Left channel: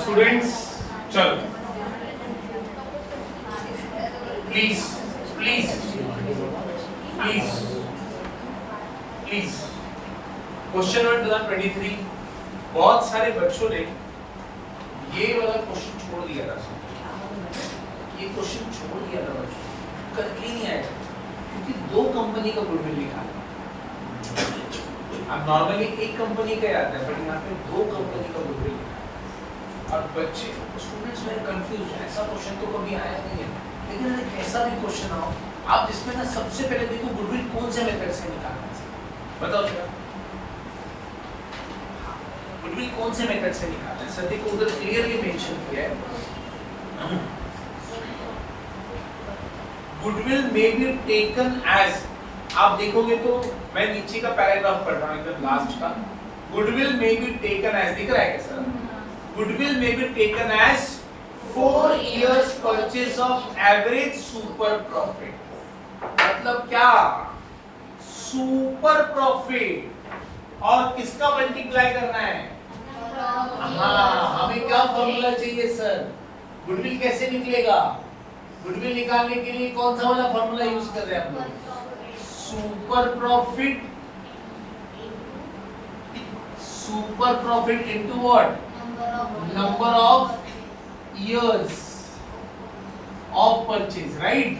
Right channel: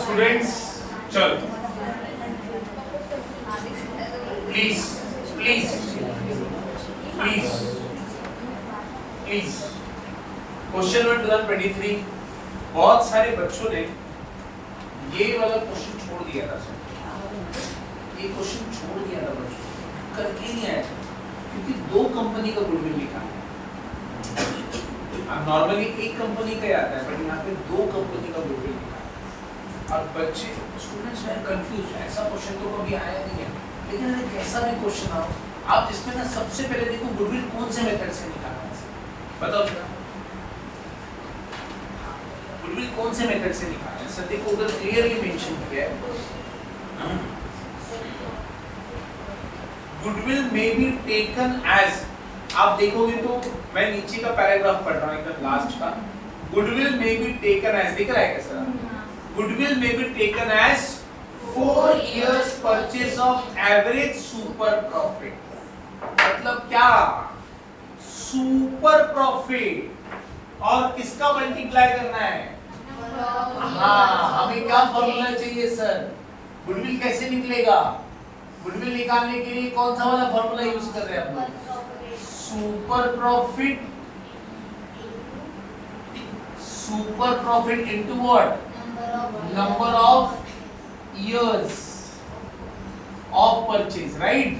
Students चलो please please please please question number 2023 बहुत सारे बच्चों ने ये वाला क्वेश्चन छोड़ दिया था ये क्वेश्चन छोड़ दिया था बच्चों करके ही नहीं आया क्योंकि दो कंपनी का गुडविल निकाला अब नॉर्मली एक कंपनी का आता है बट यहाँ पे दो कंपनी का गुडविल और बच्चे स्टूडेंट्स में कंफ्यूज है ऐसा क्वेश्चन तो कभी आया नहीं है लेकिन अगर कैसा भी क्वेश्चन आओ आप इसमें ना सबसे पहले देखो गुडविल कौन से मेथड से निकालना है बताओ जरा गुडविल कौन से मेथड से निकालना है सर देखो उधर क्लियरली मेंशन किया है goodwill may be taken as आप देखोगे तो मैं नीचे का पैराग्राफ पढ़ रहा हूं एकदम लास्ट का goodwill may be taken as दिख रहा है क्या sir Goodwill may be taken as 4 years purchase of average super profit. मतलब क्या? Super profit और किसका मल्टीप्लाई करना है? हाँ हमें क्या फॉर्मूला चाहिए सर? गुडविल कैसे निकलेगा? गुडविल निकालने के लिए कौन सा वाला फॉर्मूला यूज कर रहे हैं हम लोग? Super profit into what? Number of years of purchase, right?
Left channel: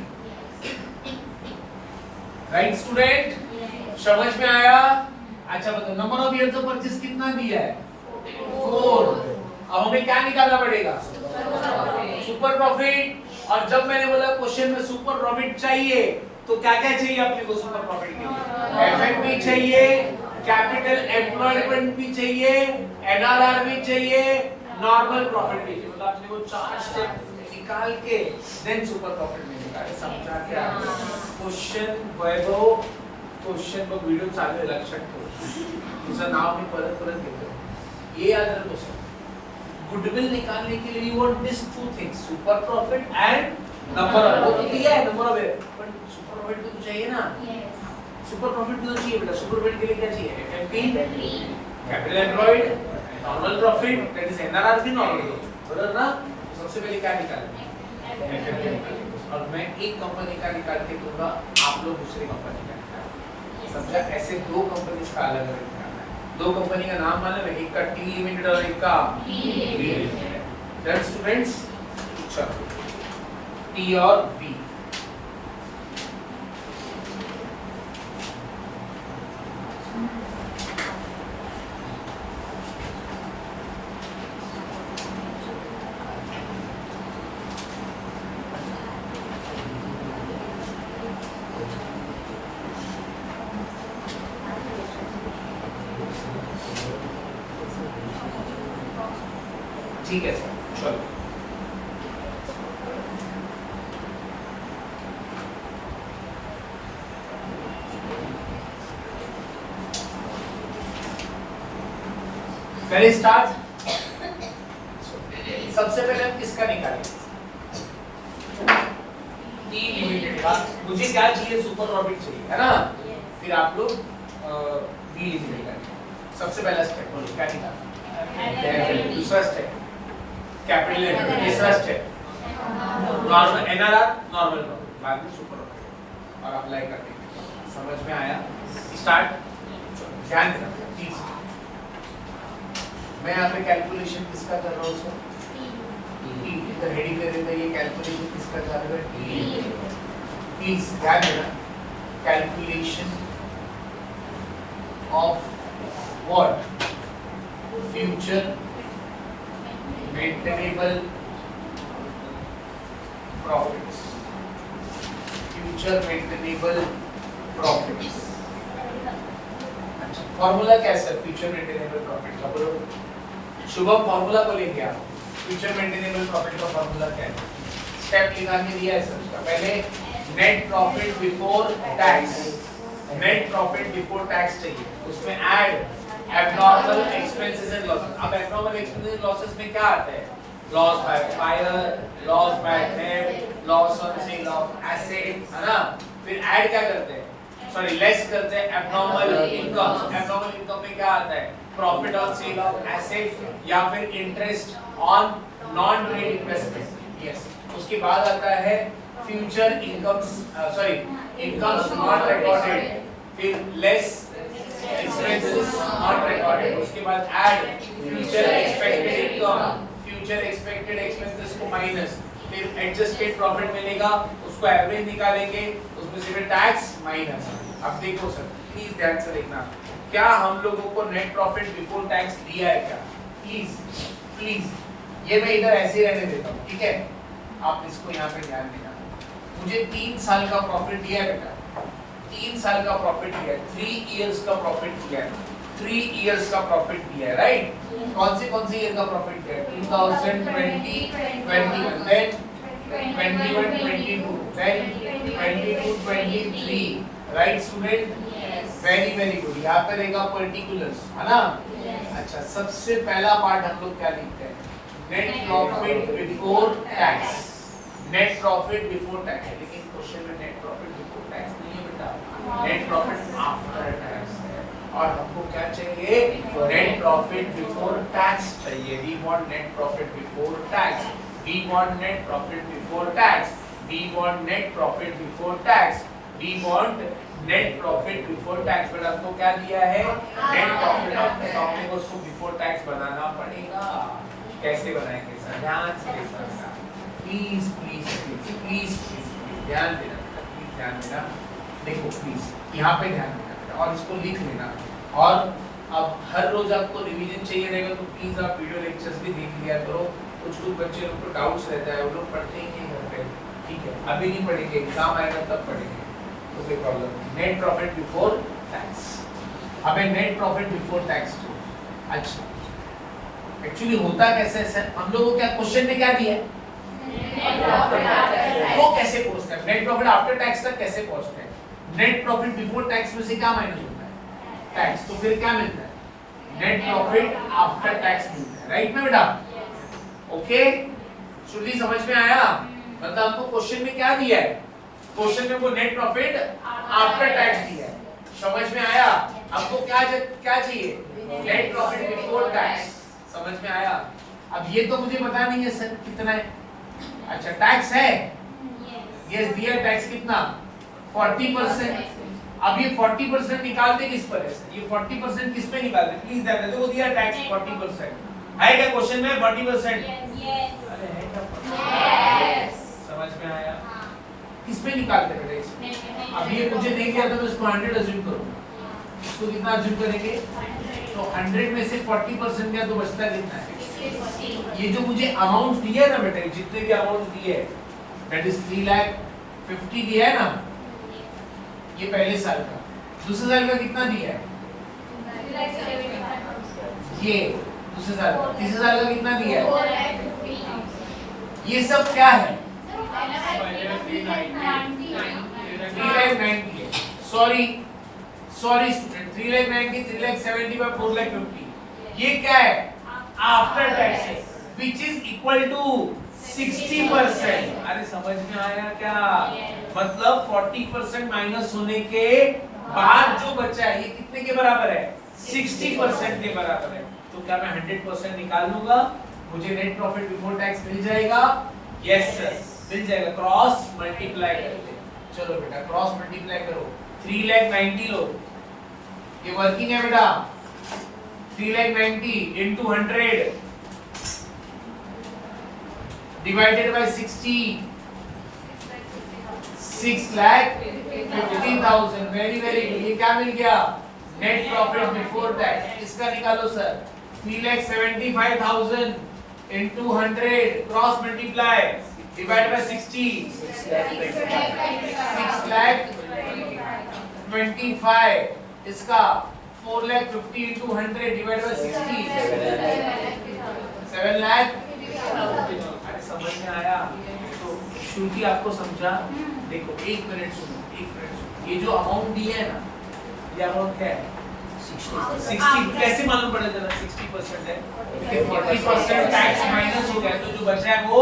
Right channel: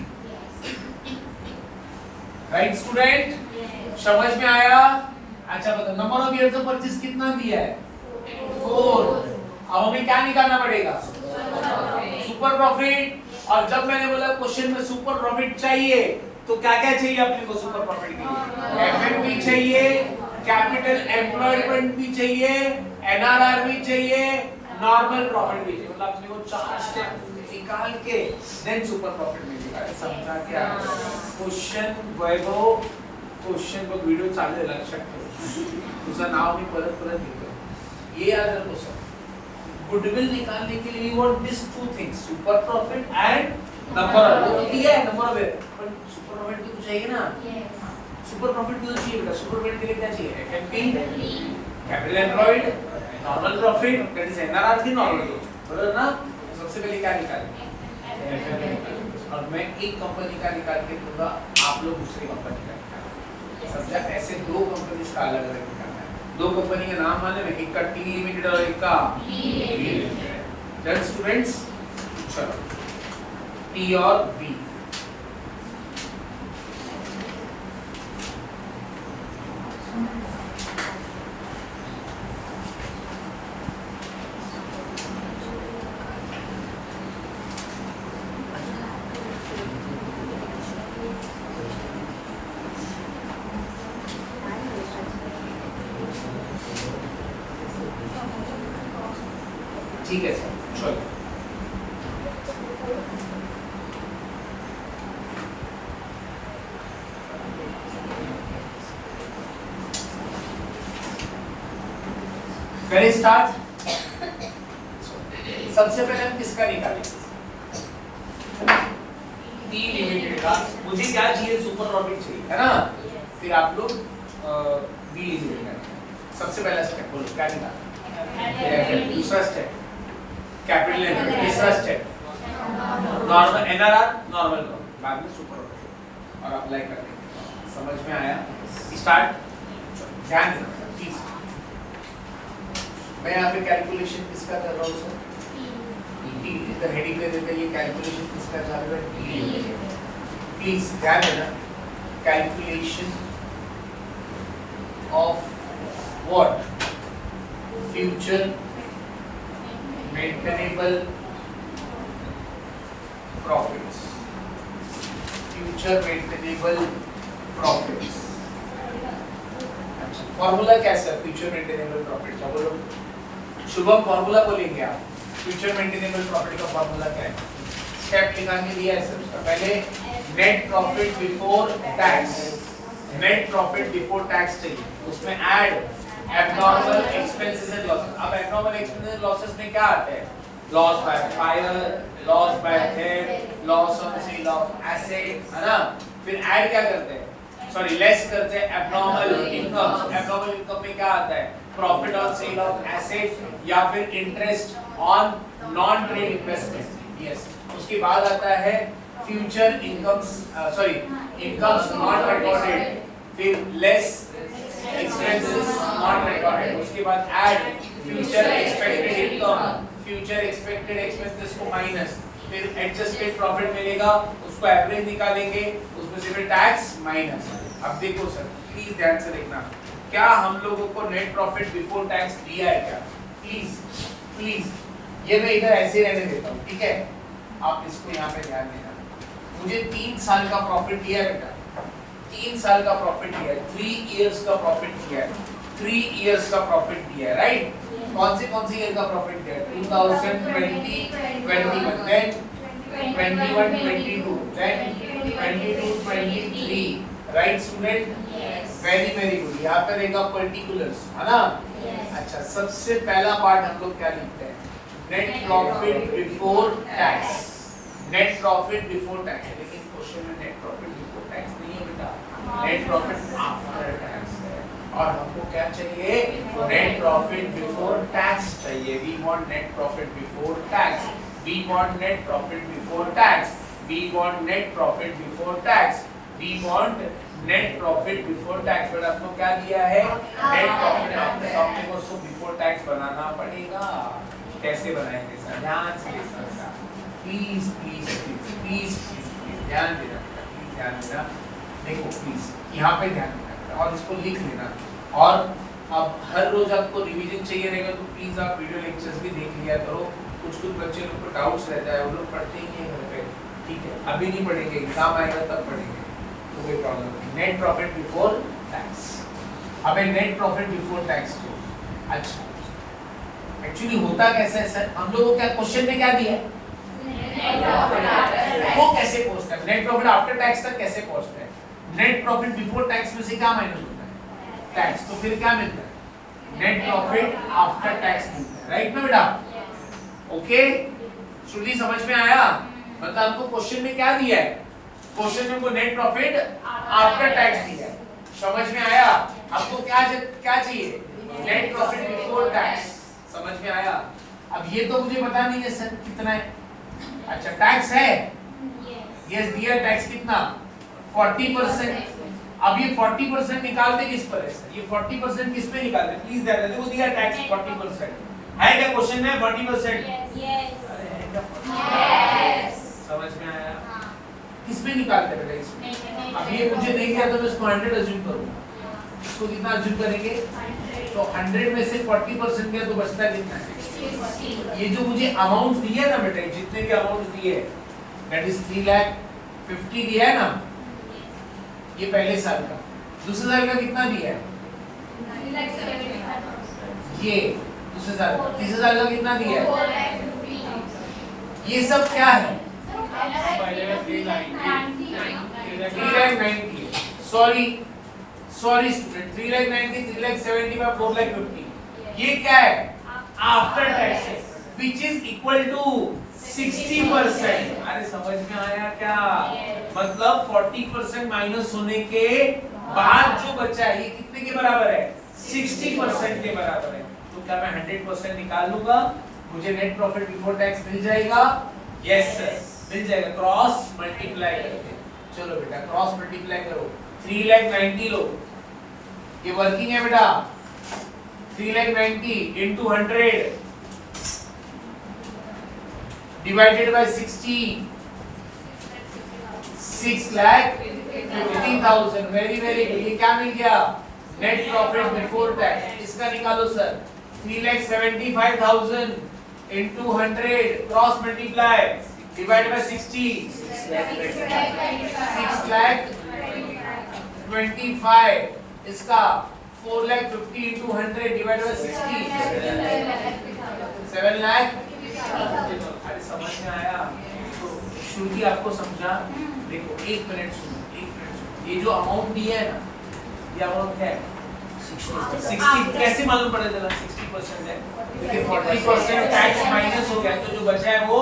Right student? समझ में आया? अच्छा बताओ number of years of purchase कितना दिया है? 4। अब हमें क्या निकालना पड़ेगा? सुपर प्रॉफिट और जब मैंने बोला क्वेश्चन में सुपर प्रॉफिट चाहिए तो क्या क्या चाहिए अपने को सुपर प्रॉफिट के लिए? एफएनपी चाहिए, कैपिटल एम्प्लॉयमेंट भी चाहिए, एनआरआर भी चाहिए, नॉर्मल प्रॉफिट भी चाहिए मतलब अपने को 4 स्टेप निकाल के देन सुपर प्रॉफिट मिलेगा समझा क्या क्वेश्चन वैभव क्वेश्चन बघ व्हिडिओ चालू आहे लक्षात ठेव तुझं नाव मी परत घेतो ये याद रखो सर गुडविल निकालने के लिए we want this to things super profit and number of वो दिया है नंबर ऑफ पर सुपर प्रॉफिट भी तो चाहिए ना सुपर प्रॉफिट भी तो चाहिए बेटा सुपर प्रॉफिट के लिए क्या चाहिए FNP capital employed normal profit that is NRR थी नॉर्मल बराबर ना सबसे पहले क्या निकालें एफएनपी और मैं एक कंपनी का निकाल के दूंगा आप लोग दूसरी कंपनी का निकालें समझा ऐसे दो कंपनीज का अलग अलग निकालना है दो कंपनी का नाम मालूम है एक का टी लिमिटेड और एक का बी लिमिटेड है दैट स्टूडेंट्स चलो टी और बी ठीक है सर चलो पहले स्टार्ट सबसे पहले हम किसका निकालेंगे टी लिमिटेड का मुझे क्या चाहिए सुपर प्रॉफिट चाहिए है ना फिर आप लोग बी लिमिटेड का सबसे पहला स्टेप बोलो क्या निकालना दूसरा स्टेप कैपिटल एम्प्लॉयड तीसरा step normal NRR normal profit बाद में सुपर प्रॉफिट और अप्लाई कर देंगे समझ में आया स्टार्ट ध्यान देना प्लीज मैं यहाँ पे कैलकुलेशन किसका कर रहा हूँ सर इधर हेडिंग ले देते ये कैलकुलेशन किसका कर रहा है प्लीज ध्यान देना calculation of what future maintainable profits future maintainable profits formula क्या है सर फ्यूचर मेंटेनेबल प्रॉफिट का? बोलो शुभम, फॉर्मूला बोलेंगे आप। फ्यूचर मेंटेनेबल प्रॉफिट का फॉर्मूला क्या है? स्टेप निकाल के दिया है सर उसका। पहले net profit before tax, net profit before tax चाहिए, उसमें add abnormal expenses and losses. अब एब्नॉर्मल एक्सपेंसेस एंड लॉसेस में क्या आते हैं? Loss by fire, loss by theft, loss on sale of asset, है ना? फिर ऐड क्या करते हैं? सॉरी लेस करते हैं एब्नॉर्मल इनकम। एब्नॉर्मल इनकम में क्या आता है? Profit on sale of asset या फिर interest on non trade investment. Yes, उसके बाद आता है future incomes, sorry incomes not recorded, फिर लेस एक्सपेंसेस नॉट रिकॉर्डेड, उसके बाद add future expected income, future expected expenses को माइनस, फिर एडजस्टेड प्रॉफिट मिलेगा, उसको एवरेज निकालेंगे, उसमें से फिर टैक्स माइनस। अब देखो सर प्लीज ध्यान से देखना, क्या हम लोगों को नेट प्रॉफिट बिफोर टैक्स दिया है क्या? प्लीज प्लीज ये मैं इधर ऐसे रहने देता हूँ, ठीक है? आप इसको यहाँ पे ध्यान देना। मुझे 3 साल का प्रॉफिट दिया है बेटा, 3 साल का प्रॉफिट दिया है, 3 इयर्स का प्रॉफिट दिया है, 3 इयर्स का प्रॉफिट दिया है, राइट? कौन से ईयर का प्रॉफिट दिया है? 2020, 21, then 21, 22, then 22, 23, right student? Very good. यहाँ पे रहेगा पर्टिकुलर्स, है ना? अच्छा, सबसे पहला पार्ट हम लोग क्या लिखते हैं? Net profit before tax, net profit before tax. लेकिन क्वेश्चन में नेट प्रॉफिट बिफोर टैक्स नहीं है बेटा, नेट प्रॉफिट आफ्टर टैक्स है। और हमको क्या चाहिए? नेट प्रॉफिट बिफोर टैक्स चाहिए। We want net profit before tax, we want net profit before tax, we want net profit before tax, we want net profit before tax. But आपको क्या दिया है? नेट प्रॉफिट आफ्टर टैक्स, उसको before tax बनाना पड़ेगा। कैसे बनाएंगे sir? ध्यान से देखना, please please please please please ध्यान देना, प्लीज ध्यान देना। देखो प्लीज यहाँ पे ध्यान देना और इसको लिख लेना। और अब हर रोज आपको रिवीजन चाहिए रहेगा तो प्लीज आप वीडियो लेक्चर्स भी देख लिया करो। कुछ बच्चे लोग को डाउट्स रहता है, वो लोग पढ़ते ही नहीं घर पे, ठीक है? अभी नहीं पढ़ेंगे, एग्जाम आएगा तब पढ़ेंगे, तो कोई प्रॉब्लम नहीं। नेट प्रॉफिट बिफोर टैक्स, अबे नेट प्रॉफिट बिफोर टैक्स तो अच्छा एक्चुअली होता कैसे है सर? हम लोगों को क्या क्वेश्चन में क्या दिया है? वो कैसे पहुंचता है? नेट प्रॉफिट आफ्टर टैक्स तक कैसे पहुंचता है? नेट प्रॉफिट बिफोर टैक्स में से क्या माइनस होता है? टैक्स। तो फिर क्या मिलता है? नेट प्रॉफिट आफ्टर टैक्स मिलता है, राइट में बेटा? ओके, श्रुति समझ में आया? मतलब हमको क्वेश्चन में क्या दिया है? क्वेश्चन में हमको नेट प्रॉफिट आफ्टर टैक्स दिया है, समझ में आया? आपको क्या चाहिए? नेट प्रॉफिट बिफोर टैक्स, समझ में आया? अब ये तो मुझे पता नहीं है सर कितना है। अच्छा, टैक्स है, यस दिया टैक्स कितना? 40%। अब ये 40% निकालते किस पर है सर? ये 40% किस पे निकालते? प्लीज ध्यान देना, वो दिया टैक्स 40% है क्या क्वेश्चन में? 40%। समझ में आया? किस पे निकालते बेटा इसमें? अब ये मुझे नहीं किया तो मैं इसको 100 अज्यूम करूंगा। इसको कितना अज्यूम करेंगे? तो 100 में से 40% गया तो बचता कितना है? ये जो मुझे अमाउंट दिया है ना बेटा, जितने भी अमाउंट दिए दैट इज 3,50,000 दिया है ना, ये पहले साल का। दूसरे साल का कितना दिया है? ये दूसरे साल का। तीसरे साल का कितना दिया है? ये सब क्या है? 3,90,000। Sorry student, 3,90,000, 3,75,000, 4,50,000। ये क्या है? After tax, which is equal to 60%। अरे समझ में आया क्या? मतलब 40% माइनस होने के बाद जो बचा है ये कितने के बराबर है? 60% के बराबर है। तो क्या मैं 100% निकाल लूंगा? मुझे नेट प्रॉफिट बिफोर टैक्स मिल जाएगा? यस सर, मिल जाएगा। क्रॉस मल्टीप्लाई करके, चलो बेटा क्रॉस मल्टीप्लाई करो। 3,90,000 लो, ये वर्किंग है बेटा। 3,90,000 into 100 divided by 60, 6,50,000। Very very good. ये क्या मिल गया? Net profit before tax. इसका निकालो sir. 3,75,000 into 100 cross multiply divide by 60, 6,25,000। इसका 4,50,000 into 100 divided by 60 7 लाख। अरे समझ में आया? तो श्रुति आपको समझा? देखो एक मिनट सुनो, ये जो अमाउंट दिया है ना, ये अमाउंट क्या है? 60। कैसे मालूम पड़ा जरा? 60% है, 40% टैक्स माइनस हो गया, तो जो बचा है वो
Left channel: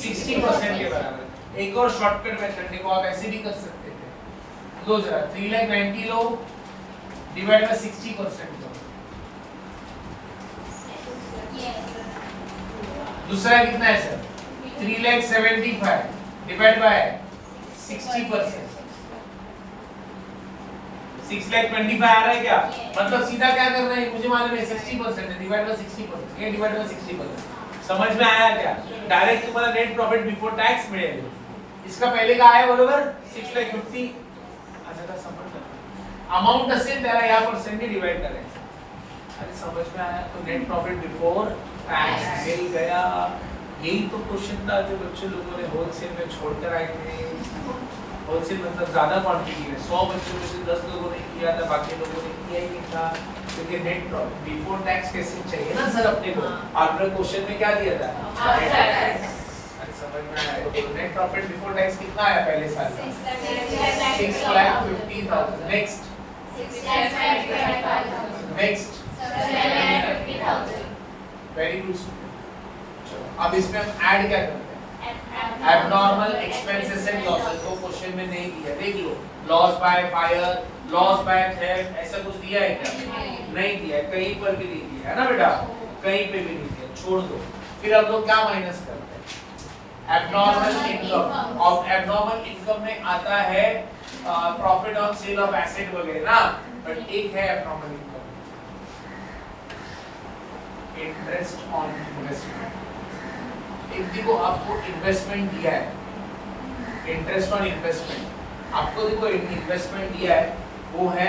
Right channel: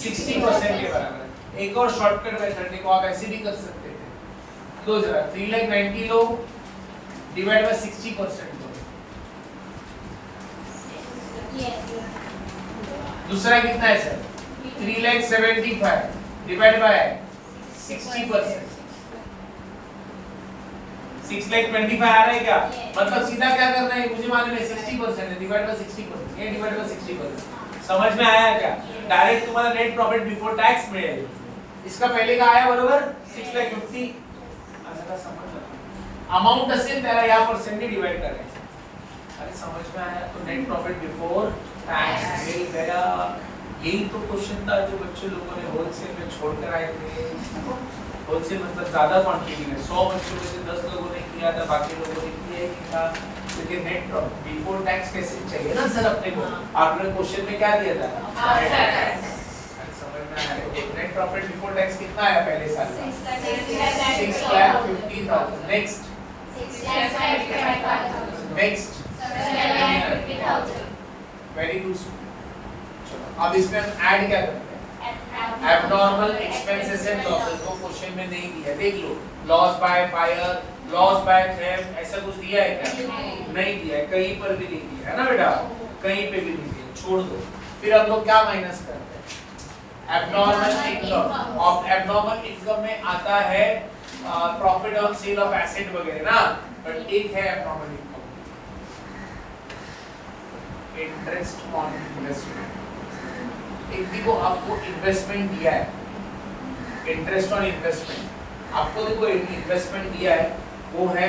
60% के बराबर। एक और शॉर्टकट मेथड देखो, आप ऐसे भी कर सकते थे। लो जरा 3,90,000 लो, डिवाइड बाय 60%। दूसरा कितना है सर? 3,75,000 divide by 60%। 6,25,000 आ रहा है क्या? मतलब सीधा क्या करना है, मुझे मालूम है 60% है, डिवाइड बाय 60%, ये डिवाइड बाय 60%। समझ में आया क्या? डायरेक्ट तुम्हारा नेट प्रॉफिट बिफोर टैक्स मिलेगा। इसका पहले का आया बरोबर 6,50,000। अच्छा समझ लो, अमाउंट असेल त्याला या पर्सेंट ने डिवाइड करायचं। अरे समझ में आया? तो नेट प्रॉफिट बिफोर टैक्स मिल गया। यही तो क्वेश्चन था जो बच्चे लोगों ने होलसेल में छोड़कर आए थे। होलसेल मतलब ज्यादा क्वांटिटी में, 100 बच्चों में से 10 लोगों ने किया था, बाकी लोगों ने किया ही नहीं था। क्योंकि नेट प्रॉफिट बिफोर टैक्स कैसे चाहिए ना सर अपने को। आपने क्वेश्चन में क्या दिया था? समझ में आया? नेट प्रॉफिट बिफोर टैक्स कितना आया पहले साल का? 6,50,000। Next next very good. अब इसमें हम ऐड क्या करते हैं? Abnormal expenses and losses. वो क्वेश्चन में नहीं दिया, देख लो। Loss by fire, loss by theft, ऐसा कुछ दिया है क्या? नहीं दिया है, कहीं पर भी नहीं दिया है ना बेटा, कहीं पे भी नहीं दिया, छोड़ दो। फिर हम लोग क्या माइनस करते हैं? Abnormal income. और एबनॉर्मल इनकम में आता है profit on sale of asset वगैरह ना, बट एक है abnormal income, interest on investment. देखो आपको इन्वेस्टमेंट दिया है, इंटरेस्ट ऑन इन्वेस्टमेंट आपको देखो इन्वेस्टमेंट दिया है, वो है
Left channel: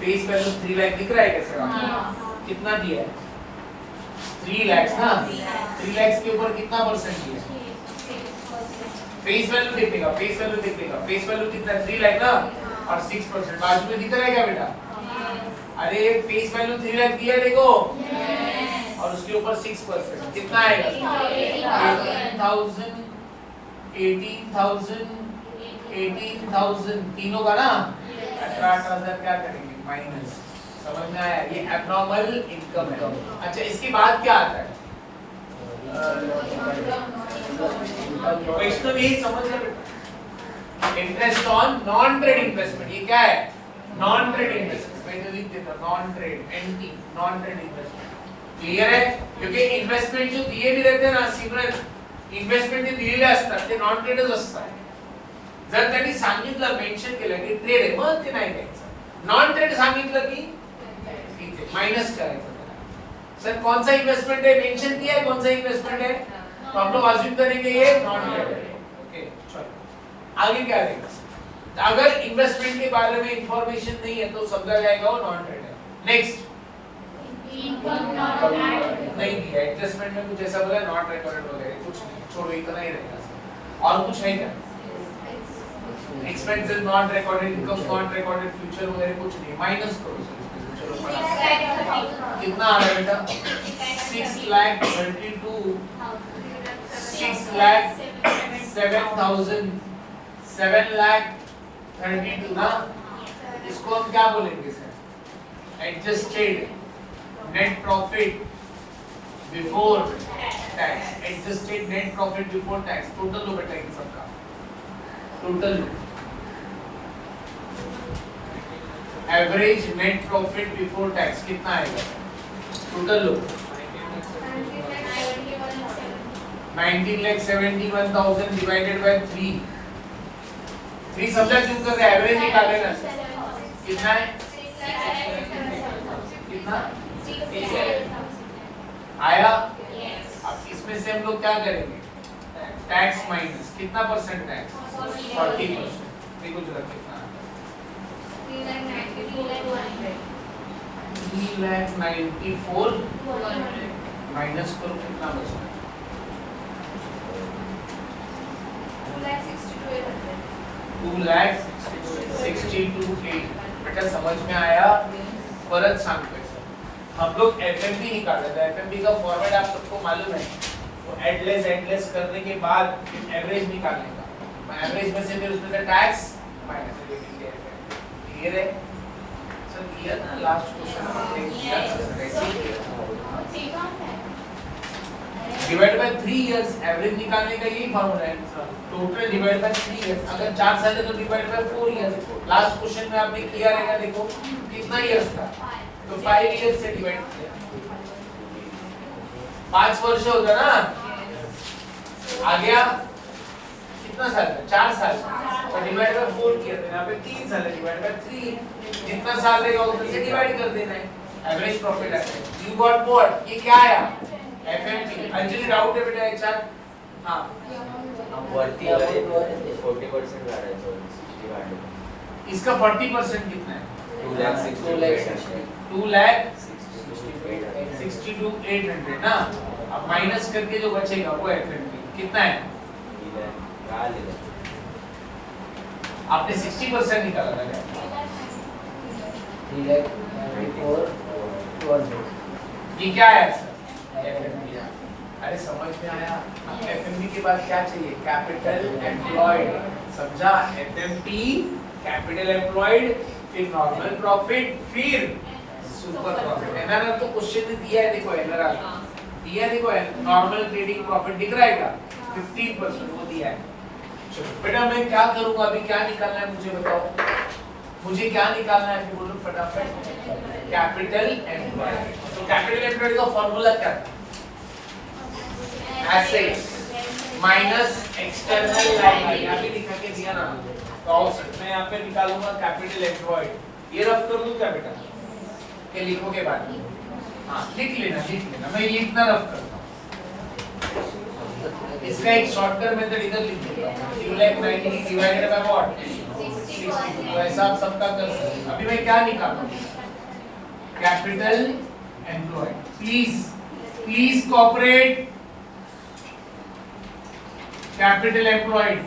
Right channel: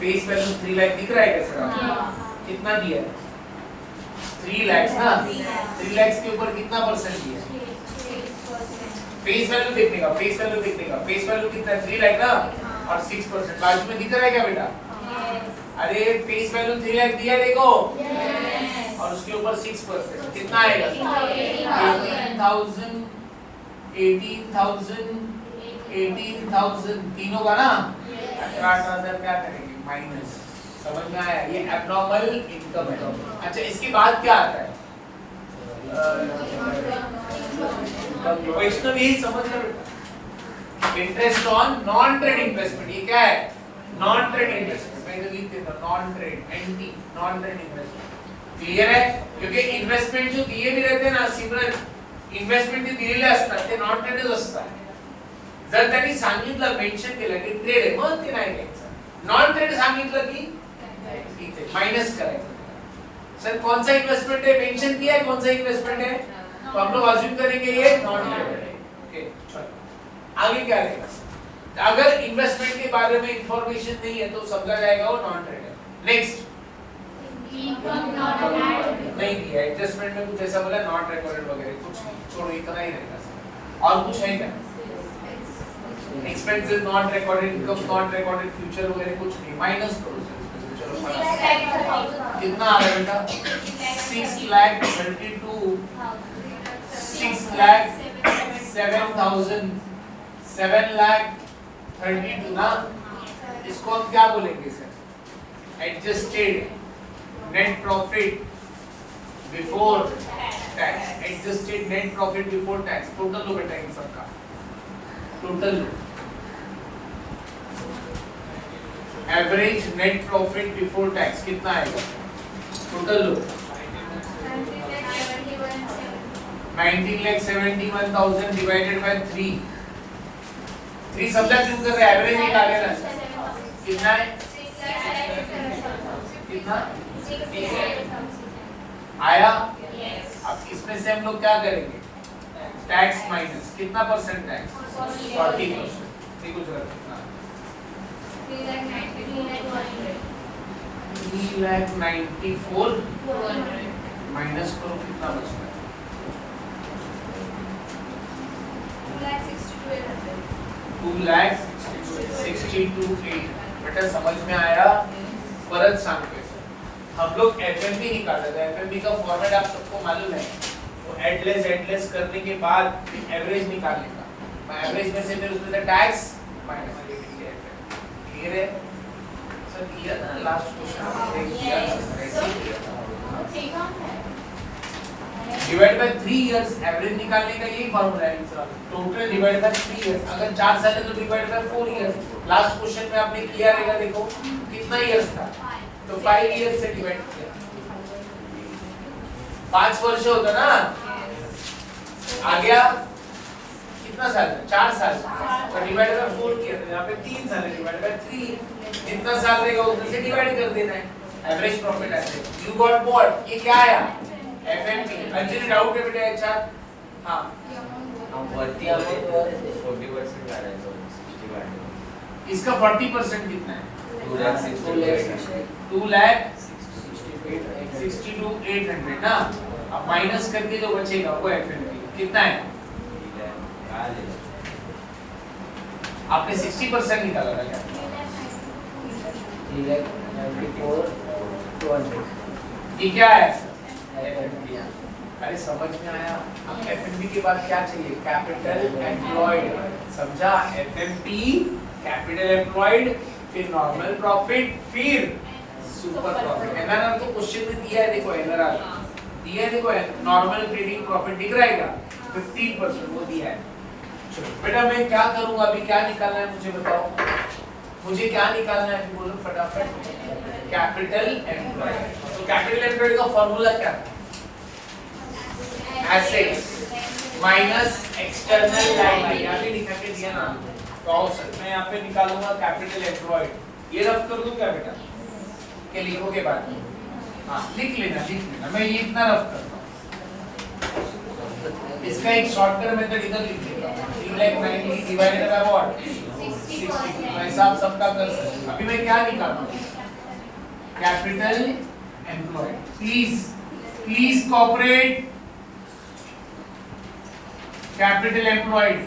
फेस वैल्यू 3 लाख दिख रहा है कैसे? कितना दिया है? 3 लाख ना। 3 लाख के ऊपर कितना परसेंट दिया है? फेस वैल्यू देखने का, फेस वैल्यू देखने का, फेस वैल्यू कितना है? 3 लाख ना, और 6% बाजू में दिख रहा है क्या बेटा? अरे फेस वैल्यू 3 लाख दिया देखो, और उसके ऊपर 6% कितना आएगा? 18,000 18,000 तीनों का ना, 18,000 क्या करेंगे? माइनस। समझ में आया? ये एबनॉर्मल इनकम है। अच्छा इसके बाद क्या आता है? वैष्णव यही समझ लो बेटा, interest on non trade investment. ये क्या है? Non trade investment. मैंने लिख देता non trade, NT, non trade investment. Clear है? क्योंकि इन्वेस्टमेंट जो दिए भी रहते ना सिमरन, इन्वेस्टमेंट जे दिलेले असतात ते नॉन ट्रेडच असतात। जर त्यांनी सांगितलं, मेंशन केलं की ट्रेड आहे, मग ते नाही द्यायचं। नॉन ट्रेड सांगितलं की इथे माइनस करायचं। सर कौन सा इन्वेस्टमेंट है? मेंशन किया है कौन सा इन्वेस्टमेंट है, तो हम लोग अज्यूम करेंगे ये नॉन ट्रेड है। ओके चलो आगे क्या रहेगा? अगर इन्वेस्टमेंट के बारे में इंफॉर्मेशन नहीं है तो समझा जाएगा वो नॉन ट्रेड है। नेक्स्ट नहीं दिया, एडजस्टमेंट में कुछ ऐसा बोला नॉट रिकॉर्डेड वगैरह कुछ नहीं, छोड़ो इतना ही रहेगा। और कुछ है क्या? Expenses not recorded, income not recorded, future वगैरह कुछ नहीं, माइनस करो। चलो कितना आ रहा है बेटा? 6,32,000 6,07,000 7,32,000 ना। इसको हम क्या बोलेंगे sir? Adjusted net profit before tax. Adjusted net profit before tax. Total लो बेटा इन सबका, टोटल लो। Average net profit before tax कितना आएगा? Total low 19,71,000 divided by 3। 3 समझा क्यों कर रहे हैं? एवरेज निकाले ना। कितना है? कितना आया? अब इसमें से हम लोग क्या करेंगे? टैक्स माइनस कितना परसेंट टैक्स? 40%। देखो जरा कितना 3,94,000 माइनस करो कितना बचता है? 2,62,800। बेटा समझ में आया? परत सांगतोय सर, हम लोग एफएमबी निकाल रहे थे। एफएमबी का फॉर्मेट आप सबको मालूम है, तो एडलेस करने के बाद एवरेज निकालने का, एवरेज में से फिर उसमें टैक्स माइनस क्लियर है सर? किया था last question divide by 3 years, average निकालने का यही फार्मूला है sir, total divide by 3 years, अगर 4 साल है तो divide by 4 years. Last question में आपने किया रहेगा, देखो कितना इयर्स था, तो 5 इयर्स से डिवाइड किया, 5 वर्ष होगा ना, आ गया कितना साल है, 4 साल, तो डिवाइड बाय 4 किया, तो यहाँ पे 3 साल है, डिवाइड बाय 3, जितना साल रहेगा उतना से डिवाइड कर देना है, एवरेज प्रॉफिट आता है। यू गॉट व्हाट, ये क्या आया, एफएमपी। अंजलि डाउट है बेटा, अच्छा हां, हम 40% आ रहा है, 60 का इसका 40% कितना है, 2,62,800 ना, अब माइनस करके जो बचेगा वो एफएमपी कितना है, आपने 60% निकाला था क्या, 3,94,200। ये क्या है एफएमपी? अरे समझ में आया। अब एफएमपी के बाद क्या चाहिए, कैपिटल एम्प्लॉयड, समझा? एफएमपी कैपिटल एम्प्लॉयड, फिर नॉर्मल प्रॉफिट, फिर सुपर प्रॉफिट। एनआरआर तो क्वेश्चन में दिया है, देखो एनआरआर दिया है, देखो नॉर्मल ट्रेडिंग प्रॉफिट दिख रहा है क्या, 15% वो दिया है। चलो बेटा मैं क्या करूंगा, अभी क्या निकालना है मुझे बताओ, मुझे क्या निकालना है, अभी बोलो फटाफट, कैपिटल एम्प्लॉयड। तो कैपिटल एम्प्लॉयड का फॉर्मूला क्या था, एसेट्स माइनस एक्सटर्नल लायबिलिटी, अभी लिखा के दिया ना, तो मैं यहाँ पे निकालूंगा कैपिटल एम्प्लॉयड, ये रफ कर दूं क्या बेटा, ये लिखोगे बाद में, हाँ लिख लेना, मैं ये इतना रफ करता हूँ, इसका एक शॉर्टकट मेथड इधर लिख देता हूँ, 3,90,000 डिवाइडेड बाय व्हाट, 60, वैसा आप सबका कर सकते हैं। अभी मैं क्या निकालूं, capital employed, please cooperate, capital employed,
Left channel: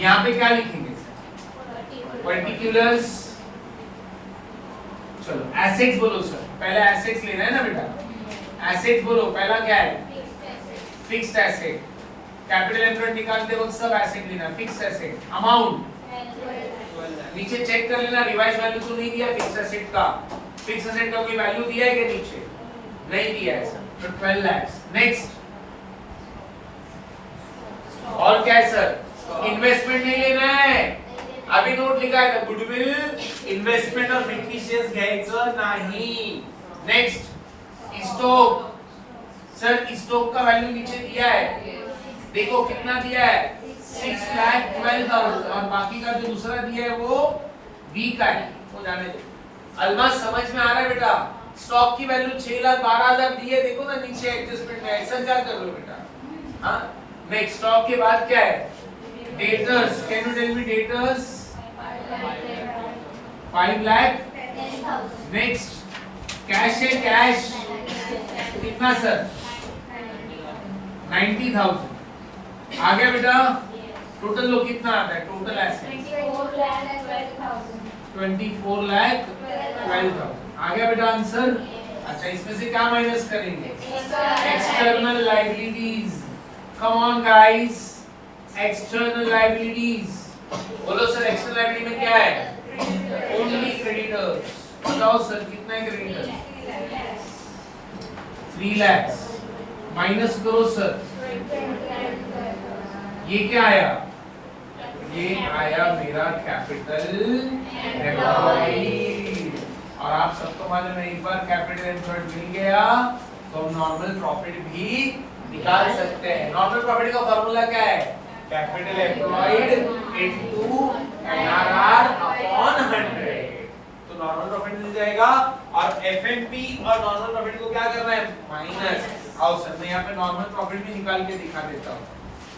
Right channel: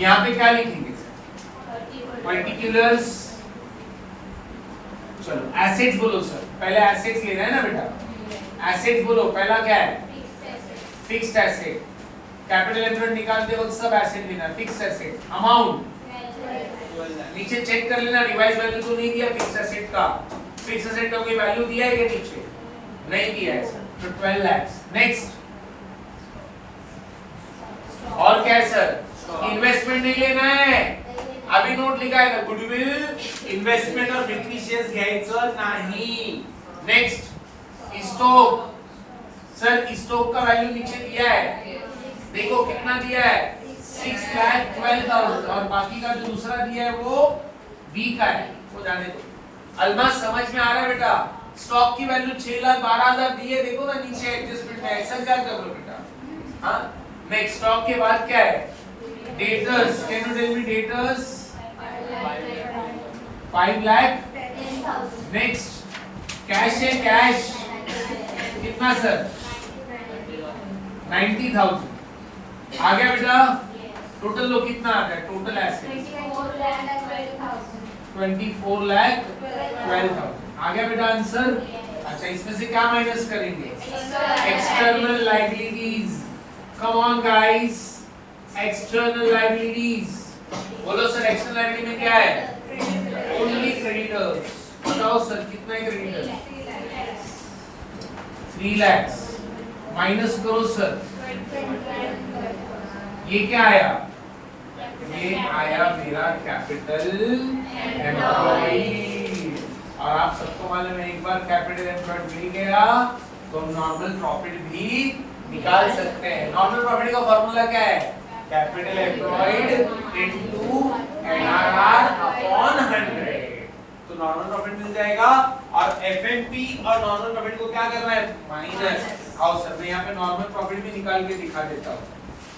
यहाँ पे क्या लिखेंगे सर, पर्टिकुलर्स, चलो एसेट्स बोलो सर, पहले एसेट्स लेना है ना बेटा, एसेट्स बोलो, पहला क्या है, फिक्स्ड एसेट, कैपिटल एम्प्लॉयड निकालते वक्त सब एसेट लेना, फिक्स्ड एसेट, अमाउंट नीचे चेक कर लेना, रिवाइज वैल्यू तो नहीं दिया फिक्स्ड एसेट का, फिक्स्ड एसेट का कोई वैल्यू दिया है क्या नीचे, नहीं दिया है सर, तो 12 लाख। नेक्स्ट और क्या है सर, इन्वेस्टमेंट नहीं लेना है, अभी नोट लिखा है ना, गुडविल, इन्वेस्टमेंट और फिक्टिशियस घ्यायचं नाही। नेक्स्ट स्टॉक, सर स्टॉक का वैल्यू नीचे दिया है, देखो कितना दिया है, 6,12,000, और बाकी का जो दूसरा दिया है वो बी का है, वो जाने दो। अलमास समझ में आ रहा है बेटा, स्टॉक की वैल्यू 6,12,000 दी है, देखो ना नीचे एडजस्टमेंट में, ऐसा क्या कर लो बेटा, हाँ। नेक्स्ट स्टॉक के बाद क्या है, debtors, can you tell me debtors, 5 lakh. Next cash है, कैश कितना सर, 90,000, आ गया बेटा, टोटल लो कितना आता है, टोटल एसेट 24,12,000, आ गया बेटा आंसर। अच्छा इसमें से क्या माइनस करेंगे, external liabilities, come on guys, external liabilities, बोलो सर एक्सटर्नल लायबिलिटी में क्या है, ओनली क्रेडिटर्स, बताओ सर कितना है क्रेडिटर, 3 लाख, माइनस करो सर, ये क्या आया, ये आया मेरा कैपिटल एम्प्लॉयड, और आप सबको मालूम है एक बार कैपिटल एम्प्लॉयड मिल गया तो हम नॉर्मल प्रॉफिट भी निकाल सकते हैं। नॉर्मल प्रॉफिट का फॉर्मूला क्या है, capital employed into NRR upon 100, तो नॉर्मल प्रॉफिट मिल जाएगा, और एफएनपी और नॉर्मल प्रॉफिट को क्या करना है, माइनस। आओ सर मैं यहाँ पे नॉर्मल प्रॉफिट भी निकाल के दिखा देता हूँ।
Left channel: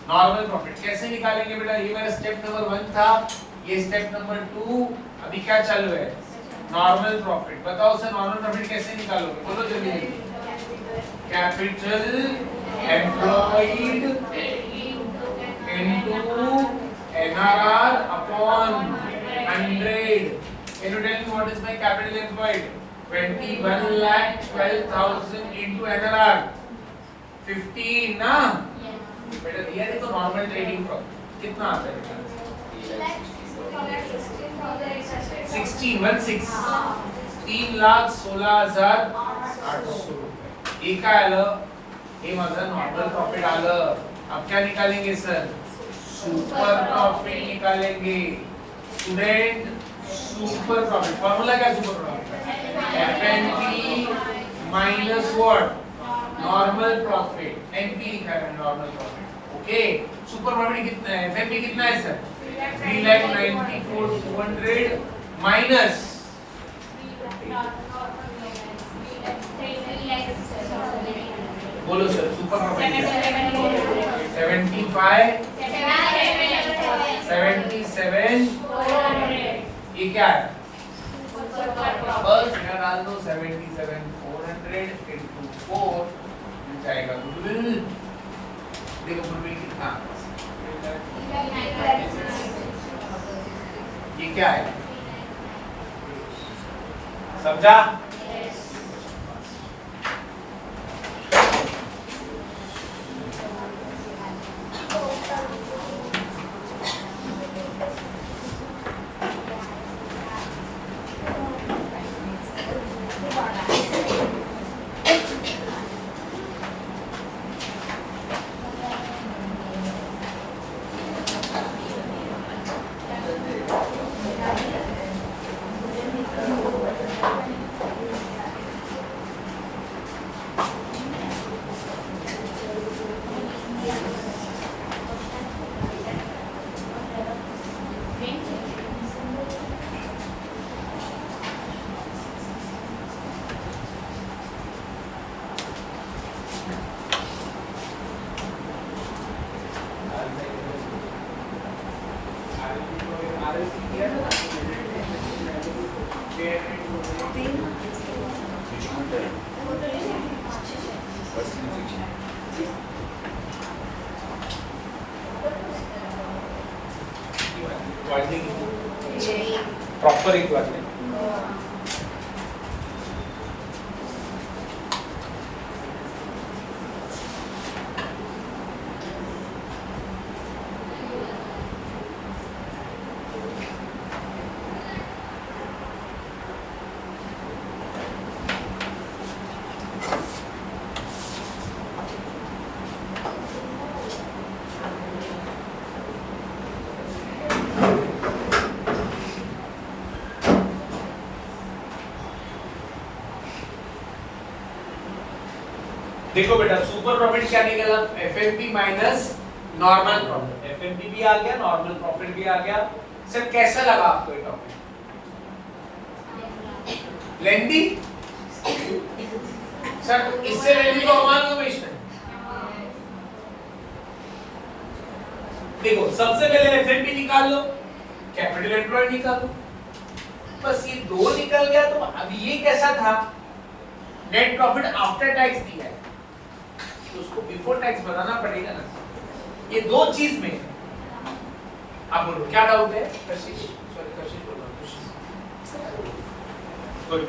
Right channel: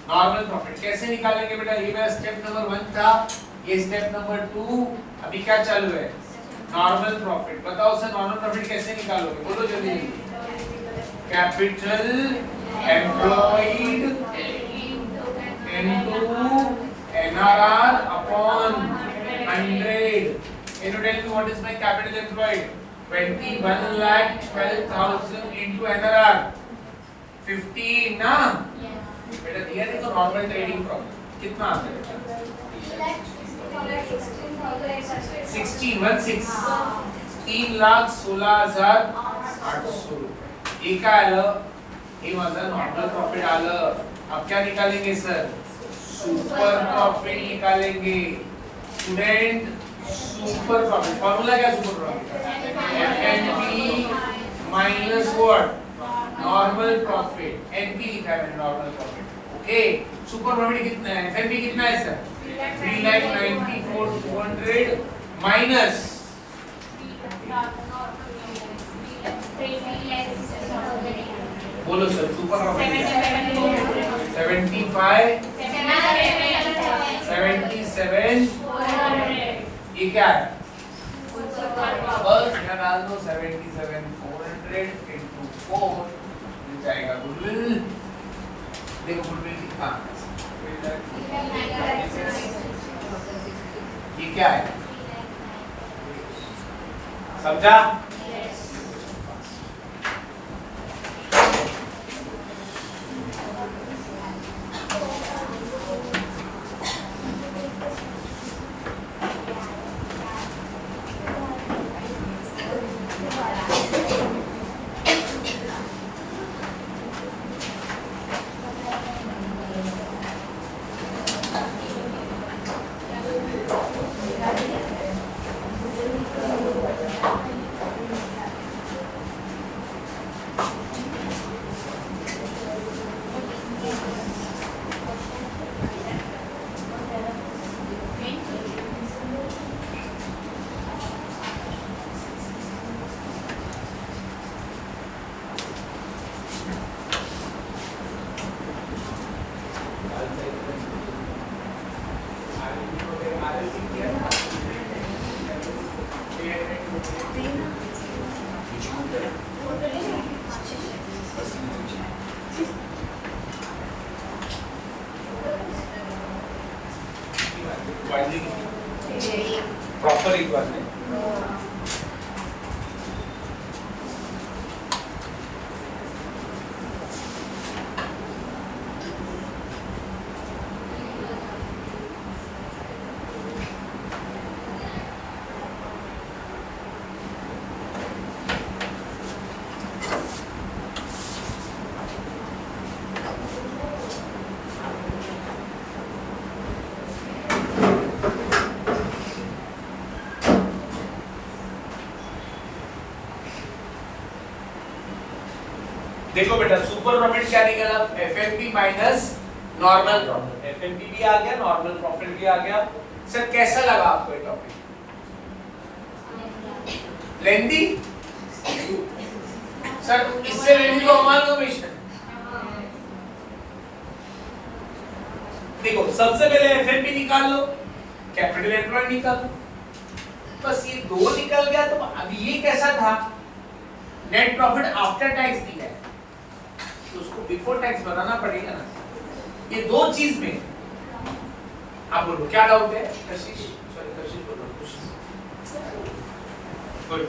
नॉर्मल प्रॉफिट कैसे निकालेंगे बेटा, ये मेरा स्टेप नंबर 1 था, ये स्टेप नंबर 2, अभी क्या चालू है, नॉर्मल प्रॉफिट। बताओ सर नॉर्मल प्रॉफिट कैसे निकालोगे, बोलो जल्दी, capital employed into NRR upon 100, Can you tell me what is my capital employed? 21,12,000 into NRR 15 ना बेटा दिया नहीं तो नॉर्मल ट्रेडिंग प्रॉफिट कितना आता है 3,16,16,800 ये काय आलं हे माझं नॉर्मल प्रॉफिट आलं अब क्या निकालेंगे सर सुपर प्रॉफिट निकालेंगे स्टूडेंट सुपर प्रॉफिट फॉर्मूला क्या super profit FNP minus what normal profit NP लिखा है मैंने normal profit okay super profit कितना है एफएनपी कितना है सर 3,94,200 माइनस बोलो सर सुपर प्रॉफिट 75 77 ये क्या है बस यहाँ डाल दो 77,400 into 4 मिल जाएगा गुडविल देखो गुडविल कितना ये क्या है समझा प्रॉपर एक बात नहीं देखो बेटा सुपर प्रॉफिट क्या निकला FNP minus normal profit FNP भी आ गया नॉर्मल प्रॉफिट भी आ गया सर कैसा लगा आपको ये टॉपिक लेंथी सर इससे लेंथी को मान लो मिशन देखो सबसे पहले एफएनपी निकाल लो कैपिटल एम्प्लॉयड निकाल लो बस ये दो निकल गया तो अब ये कैसा था नेट प्रॉफिट आफ्टर टैक्स दिया है तो उसको बिफोर टैक्स बनाना पड़ेगा ना ये दो चीज में आप बोलो क्या डाउट है कशिश सॉरी कशिश बोलो गुड